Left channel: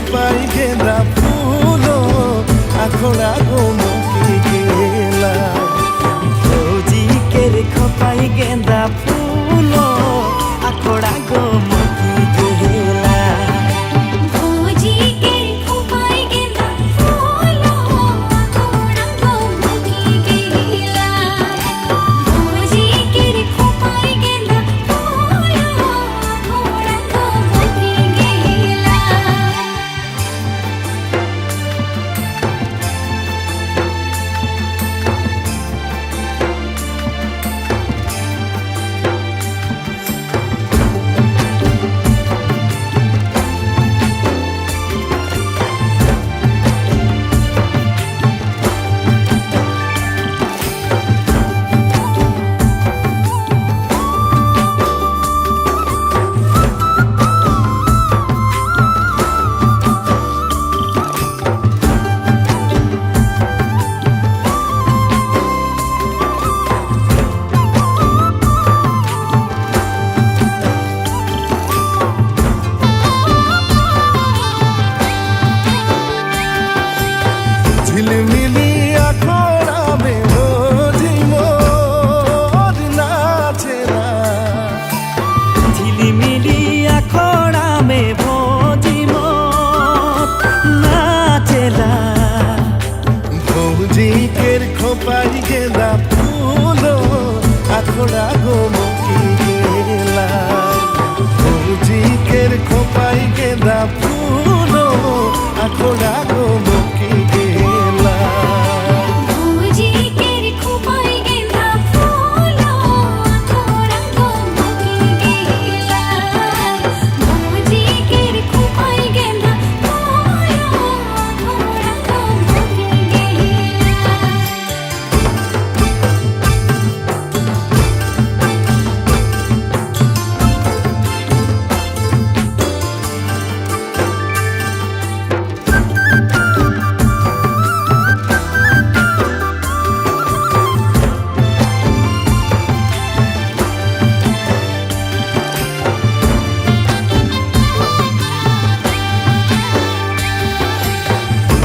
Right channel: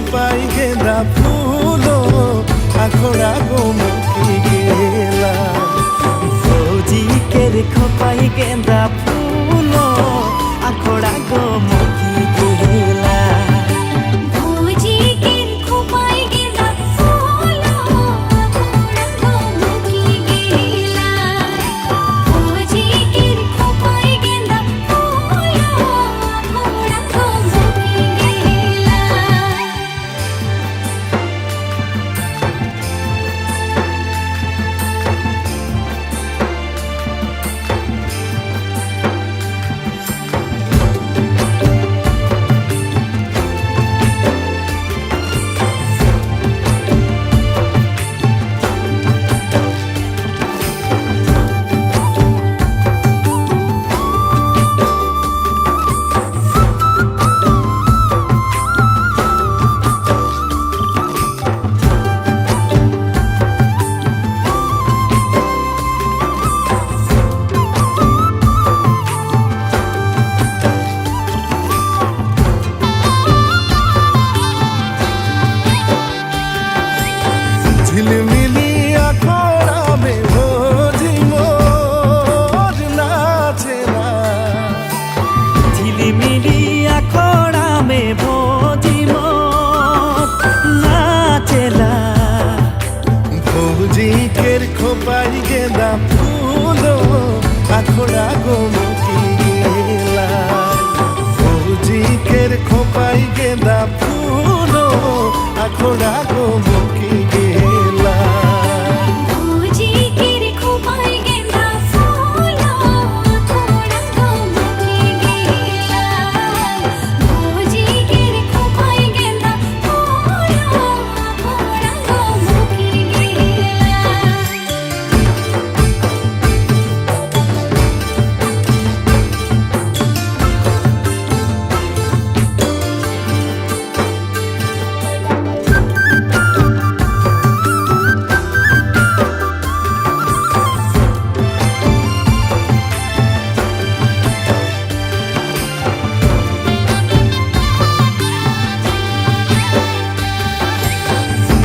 খোপাই গেঁদা ফুলো আখড়া গো মকি গেলা ভৌজিকের খোপাই গেঁদা ফুলো আখড়া গো মকি গেলা ঝিলমিলি আখড়া মে ভোজি মোর নাচে না ঝিলিমিলি আখড়া মে ভৌজি মোর নাচেলা ভৌজিকের খোপাই গেঁদা ফুলো আখড়া গো মকি গেলা ভৌজিকের খোপাই গেঁদা ফুলো আখড়া গো মকি গেলা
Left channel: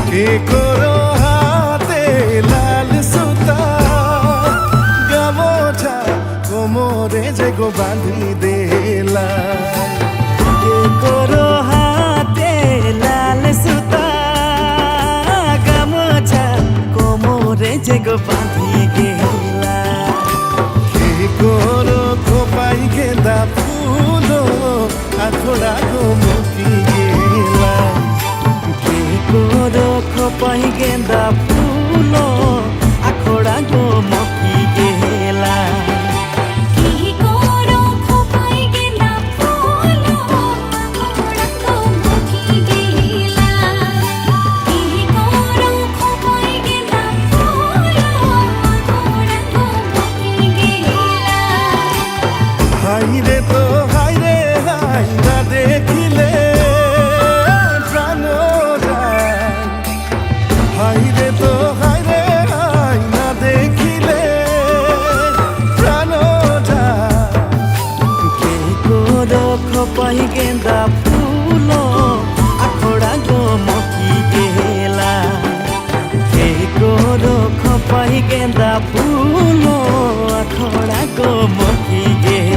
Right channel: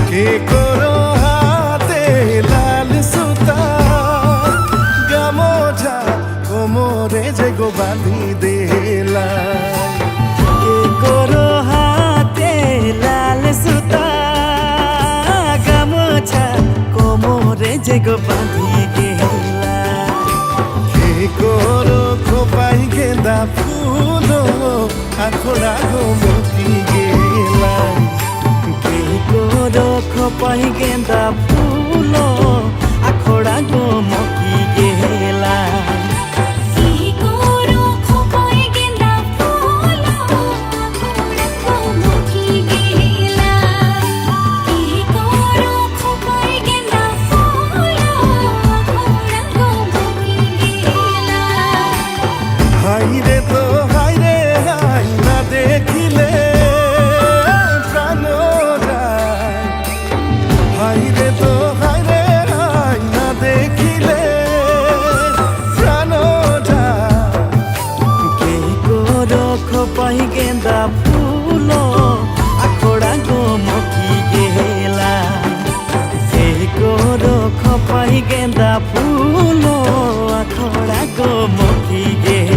কে করো হাতে লাল সুতা গামোছা কোমরে যে গো বাঁধি দেলা কে করো হাতে লাল সুতা গামোছা কোমরে যে গো বাঁধি গেলা কে করো খোপাই গেঁদা ফুলো আখড়া গো মকি গেলা কে করো খোপাই গেঁদা ফুলো আখড়া গো মকি গেলা হাইরে তো হাইরে হাই না দেখিলে প্রাণ যায় হাইরে তো হাইরে হাই না দেখিলে প্রাণ যায় কে করো খোপাই গেঁদা ফুলো আখড়া গো মকি গেলা কে করো খোপাই গেঁদা ফুলো আখড়া গো মকি গেলা।